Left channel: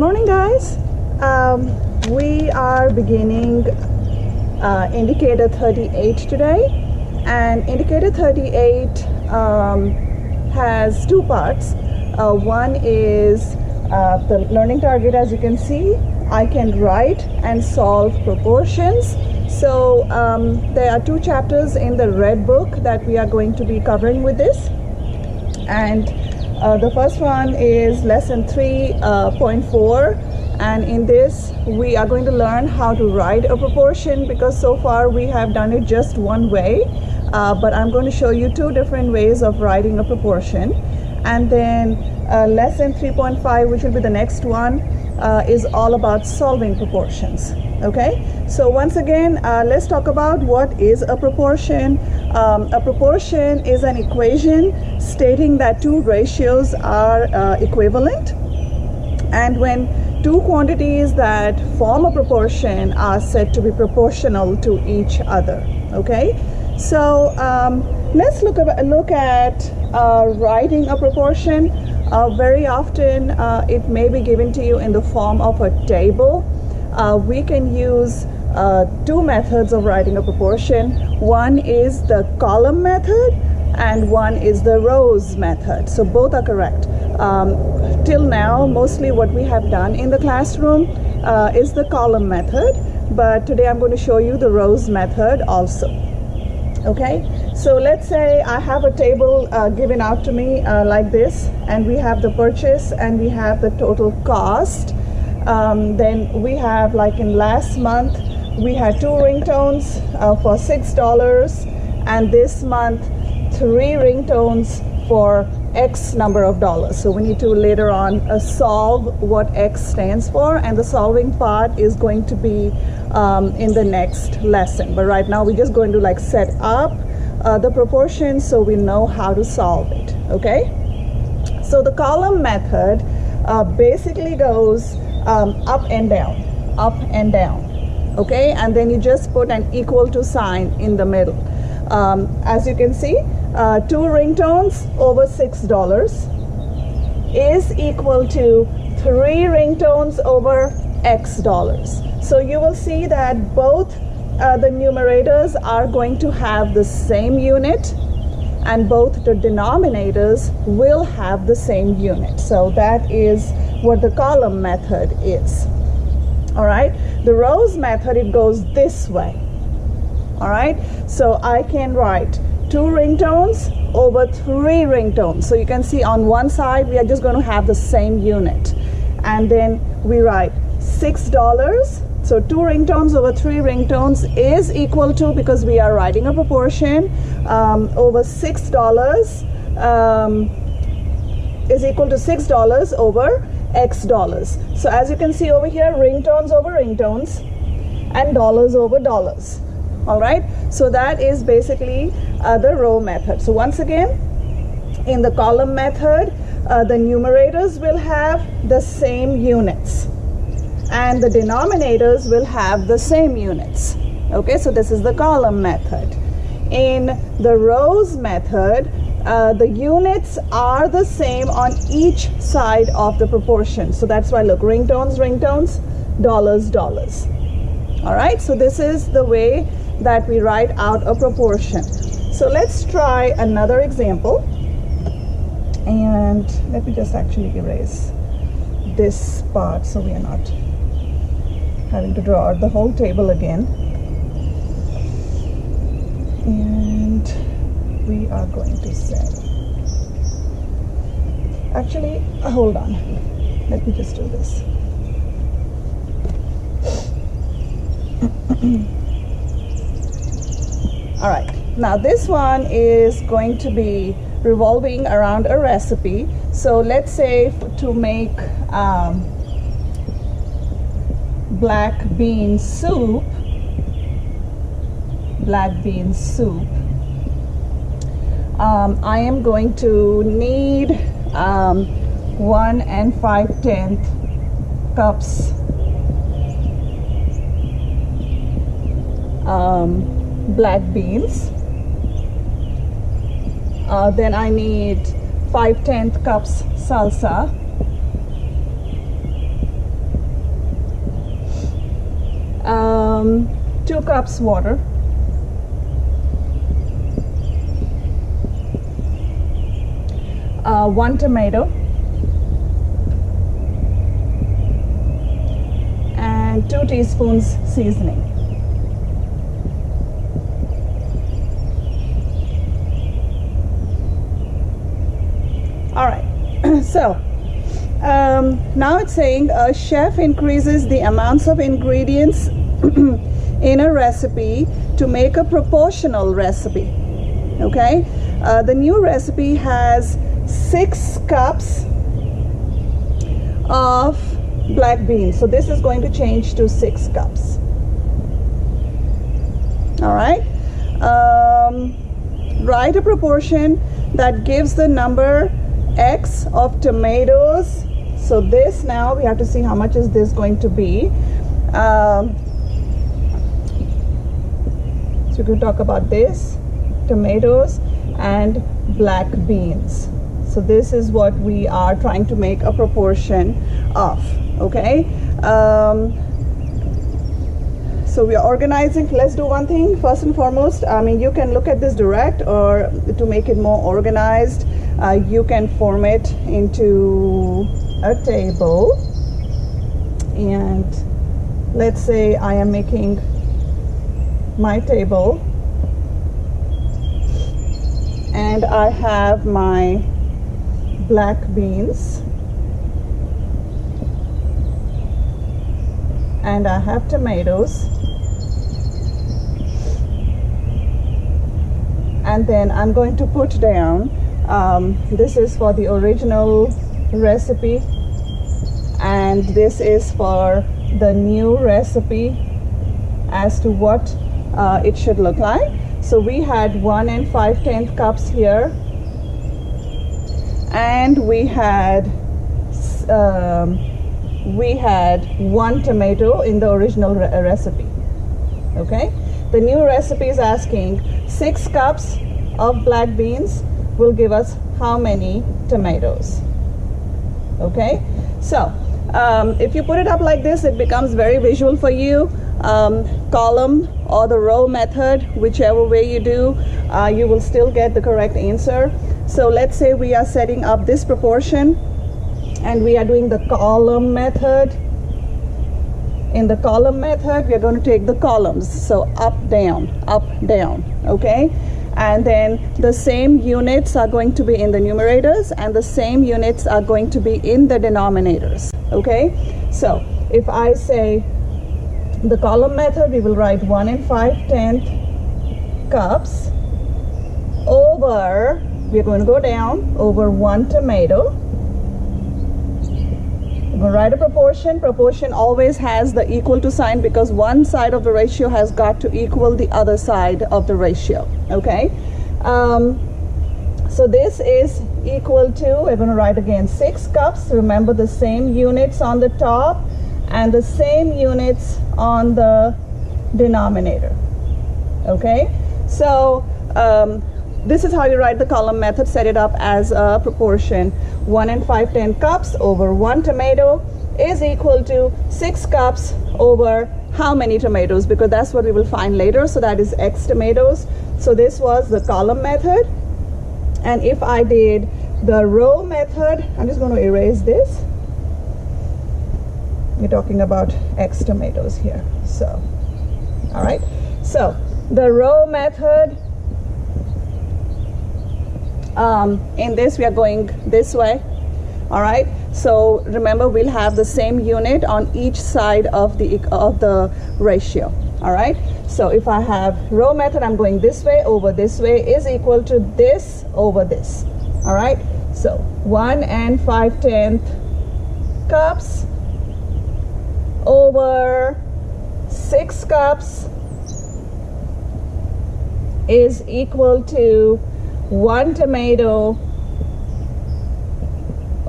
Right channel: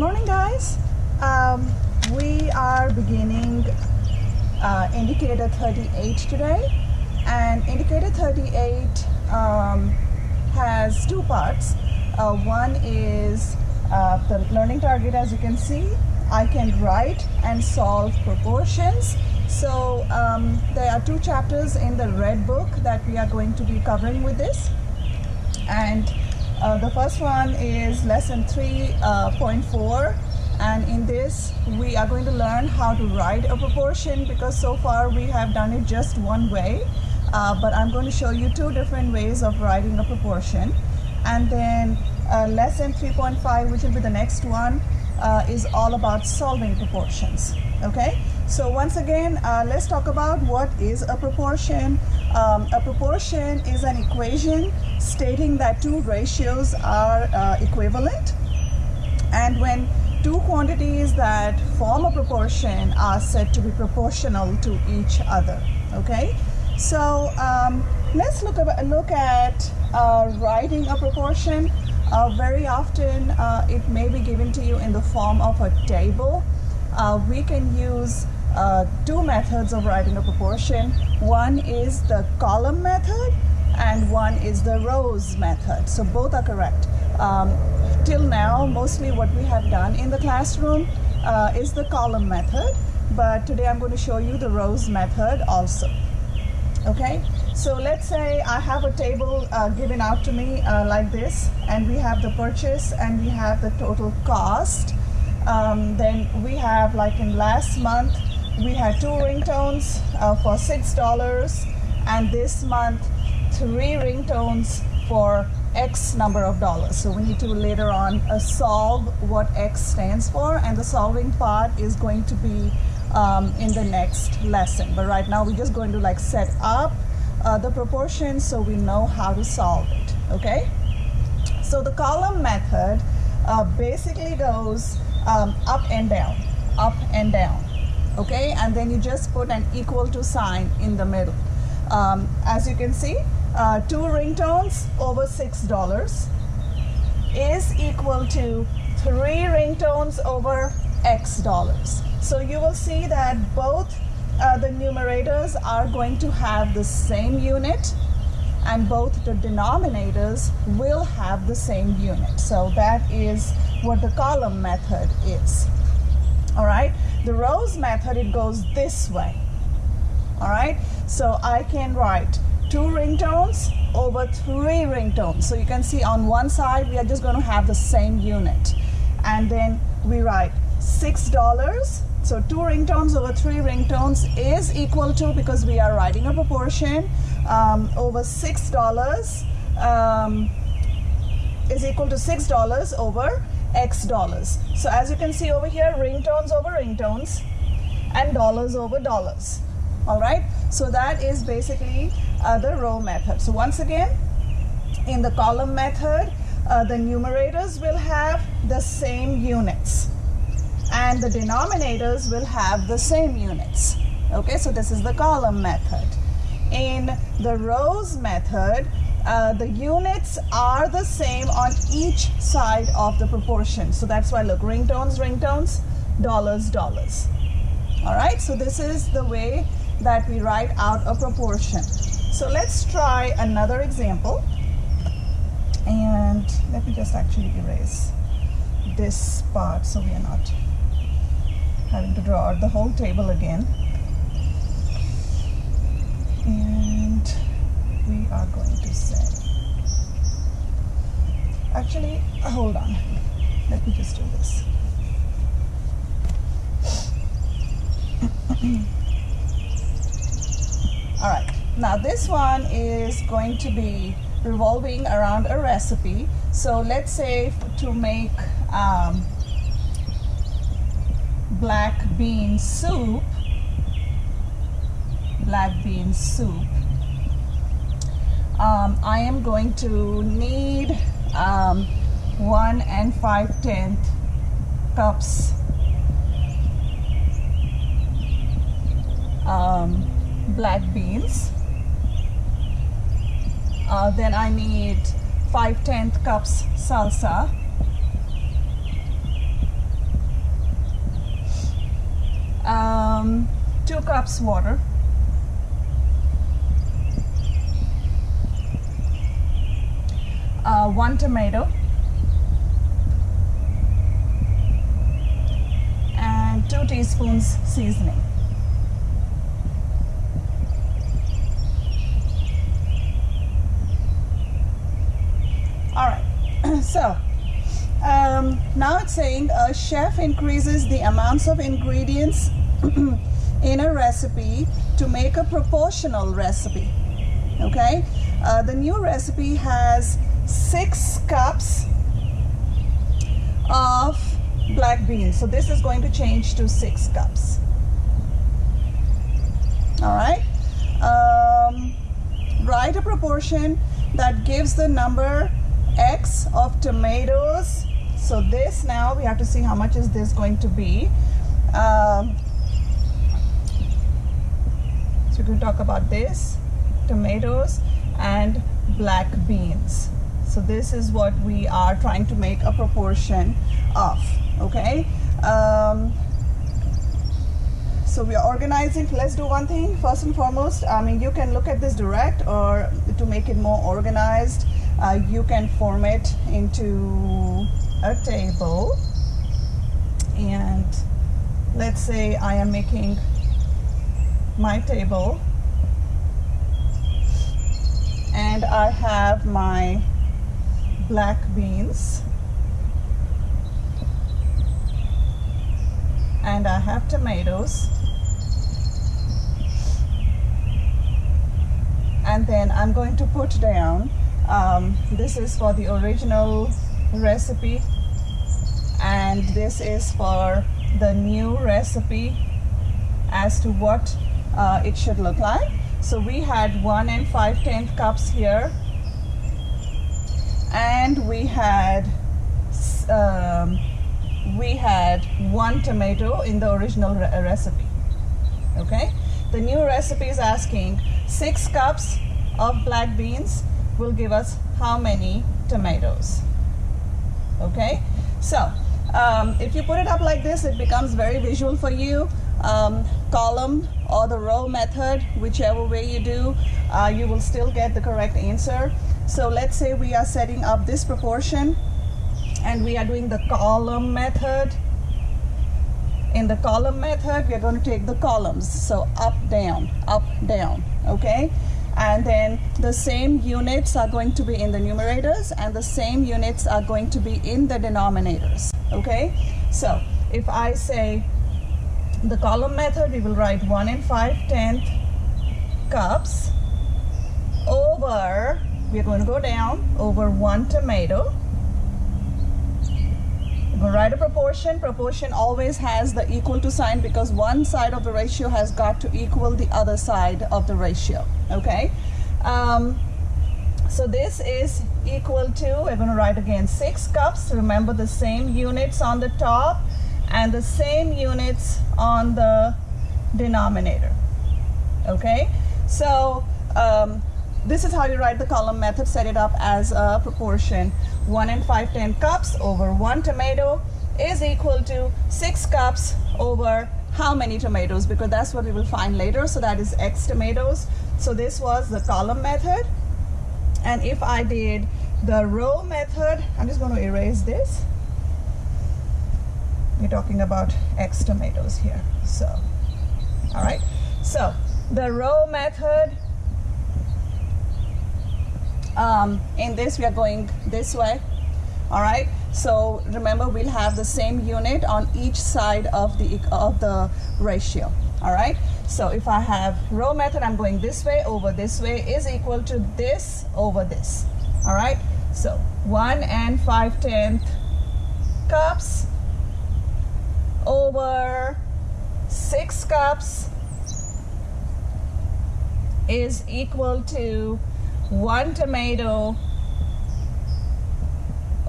morning, guys. We are beginning indicator 38 today, and indicator 38 has two parts. One is the learning target. As you can see, I can write and solve proportions. So there are two chapters in the red book that we are going to be covering with this, and the first one is lesson 3.4, and in this we are going to learn how to write a proportion, because so far we have done it just one way, but I'm going to show you two different ways of writing a proportion. And then lesson 3.5, which will be the next one, is all about solving proportions. Okay, so once again, let's talk about what is a proportion. A proportion is an equation stating that two ratios are equivalent, and when two quantities that form a proportion are said to be proportional to each other. Okay, so let's look at writing a proportion. Very often it may be given to you in the form of a table. We can use two methods of writing a proportion. One is the column method and one is the rows method. So both are correct. Till now, mostly what we have done in the classroom is the column method, but today I'm going to show you the rows method also. Okay, so let's say I have a table given out to me like this, and we have the purchase and we have the total cost. Then we have, like in last month, we had 2 ringtones for $6, and this month 3 ringtones for X number of dollars. So we need to later on solve what X stands for, and the solving part is going to be in the next lesson. But right now we're just going to set up the proportions so we know how to solve it. Okay, so the column method basically goes up and down, up and down. Okay, and then you just put an equal to sign in the middle. As you can see, 2 ringtones over $6 is equal to 3 ringtones over X dollars. So you will see that both the numerators are going to have the same unit, and both the denominators will have the same unit. So that is what the column method is. All right, the rows method, it goes this way. All right, so I can write 2 ringtones over 3 ringtones. So you can see on one side we are just going to have the same unit, and then we write $6. So 2 ringtones over 3 ringtones is equal to, because we are writing a proportion, over $6 is equal to $6 over X dollars. So as you can see over here, ringtones over ringtones and dollars over dollars. All right, so that is basically the row method. So once again, in the column method, the numerators will have the same units and the denominators will have the same units. Okay, so this is the column method. In the rows method, the units are the same on each side of the proportion. So that's why, look, ringtones, ringtones, dollars, dollars. All right, so this is the way that we write out a proportion. So let's try another example. And let me just actually erase this part so we are not having to draw out the whole table again. And we are going to say, actually, hold on, let me just do this. All right, now this one is going to be revolving around a recipe. So let's say to make black bean soup, I am going to need 1 5/10 cups black beans. Then I need 5/10 cups salsa, 2 cups water, one tomato, and 2 teaspoons seasoning. All right, so now it's saying a chef increases the amounts of ingredients in a recipe to make a proportional recipe. Okay, the new recipe has 6 cups of black beans, so this is going to change to 6 cups. All right, write a proportion that gives the number X of tomatoes. So this, now we have to see how much is this going to be. So we're going to talk about this, tomatoes and black beans. So this is what we are trying to make a proportion of. Okay, so we are organizing. Let's do one thing first and foremost. I mean, you can look at this direct, or to make it more organized, you can form it into a table. And let's say I am making my table, and I have my black beans, and I have tomatoes, and then I'm going to put down, this is for the original recipe, and this is for the new recipe as to what it should look like. So we had 1 5/10 cups here, and we had 1 tomato in the original recipe. Okay, the new recipe is asking 6 cups of black beans will give us how many tomatoes. Okay, so if you put it up like this, it becomes very visual for you. Column or the row method, whichever way you do, you will still get the correct answer. So let's say we are setting up this proportion and we are doing the column method. In the column method, we are going to take the columns, so up, down, okay? And then the same units are going to be in the numerators, and the same units are going to be in the denominators, okay? So if I say the column method, we will write 1 5/10 cups over, we're going to go down, over 1 tomato. We're going to write a proportion. Proportion always has the equal to sign, because one side of the ratio has got to equal the other side of the ratio, okay? So this is equal to, we're going to write again 6 cups. Remember, the same units on the top and the same units on the denominator, okay? So this is how you write the column method. Set it up as a proportion. 1 5/10 cups over 1 tomato is equal to 6 cups over how many tomatoes, because that's what we will find later. So that is X tomatoes. So this was the column method. And if I did the row method, I'm just going to erase this. You're talking about X tomatoes here. So, all right. So the row method, in this we are going this way. All right, so remember, we'll have the same unit on each side of the ratio. All right, so if I have row method, I'm going this way over this way is equal to this over this. All right, so 1 5/10 cups over 6 cups is equal to 1 tomato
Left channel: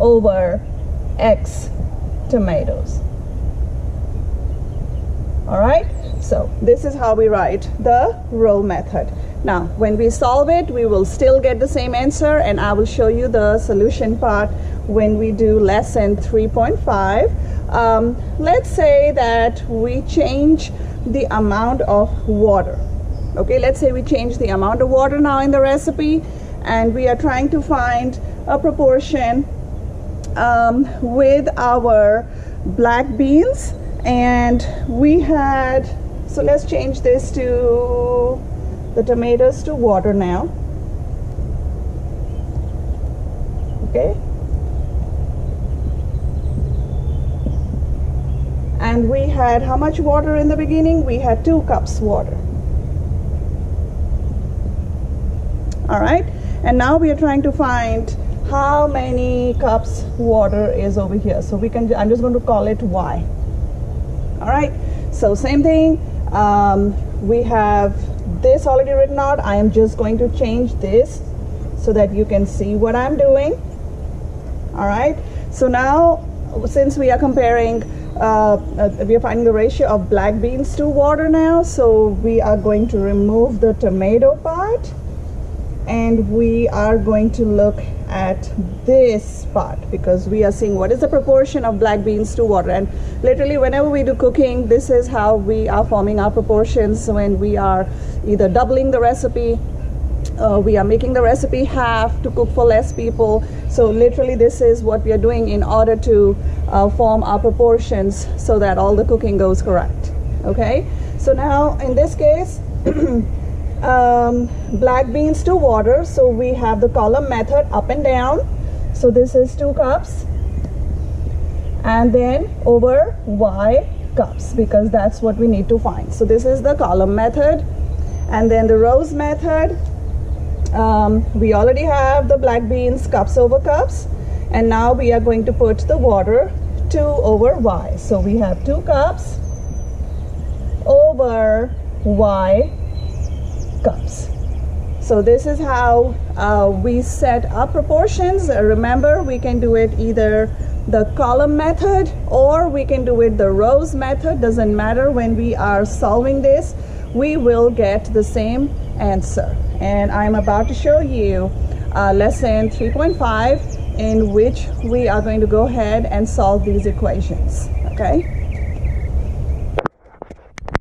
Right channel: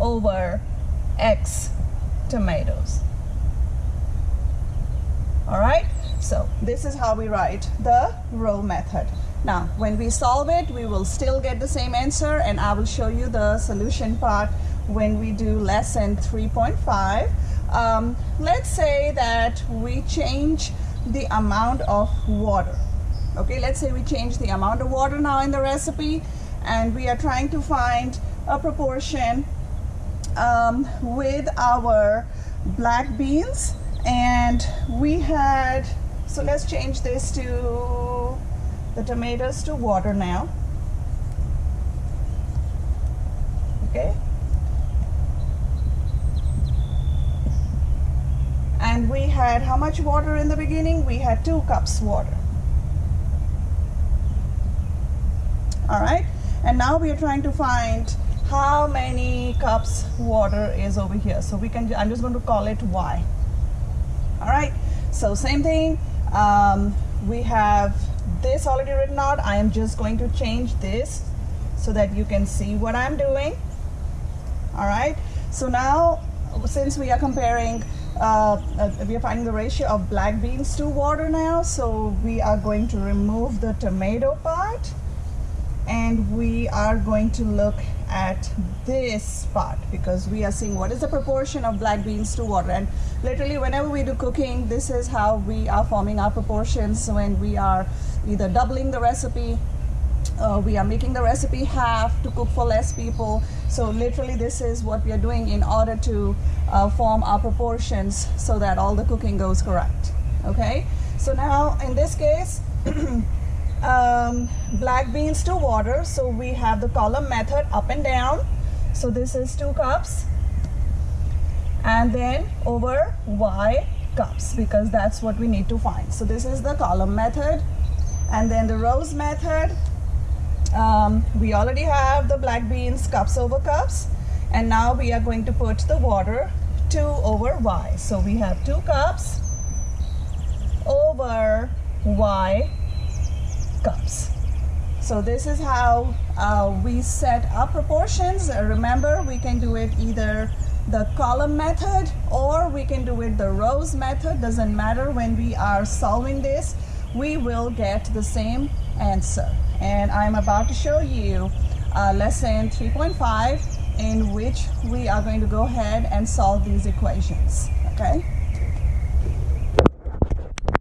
over X tomatoes. All right, so this is how we write the row method. Now, when we solve it, we will still get the same answer, and I will show you the solution part when we do lesson 3.5. let's say that we change the amount of water. Okay, let's say we change the amount of water now in the recipe, and we are trying to find a proportion with our black beans, and we had, so let's change this to the tomatoes to water now. Okay, and we had how much water in the beginning? We had 2 cups water. All right, and now we are trying to find how many cups water is over here. So we can, I'm just going to call it Y. All right, so same thing, we have this already written out. I am just going to change this so that you can see what I'm doing. All right, so now since we are comparing, we are finding the ratio of black beans to water now, so we are going to remove the tomato part, and we are going to look at this part, because we are seeing what is the proportion of black beans to water. And literally whenever we do cooking, this is how we are forming our proportions. When we are either doubling the recipe, we are making the recipe half to cook for less people. So literally this is what we are doing in order to form our proportions so that all the cooking goes correct. Okay, so now in this case, black beans to water, so we have the column method up and down. So this is 2 cups, and then over Y cups, because that's what we need to find. So this is the column method, and then the rows method, we already have the black beans cups over cups, and now we are going to put the water 2 over Y. So we have 2 cups over Y cups. So this is how we set up proportions. Remember, we can do it either the column method or we can do it the rows method. Doesn't matter. When we are solving this, we will get the same answer. And I'm about to show you lesson 3.5, in which we are going to go ahead and solve these equations. Okay.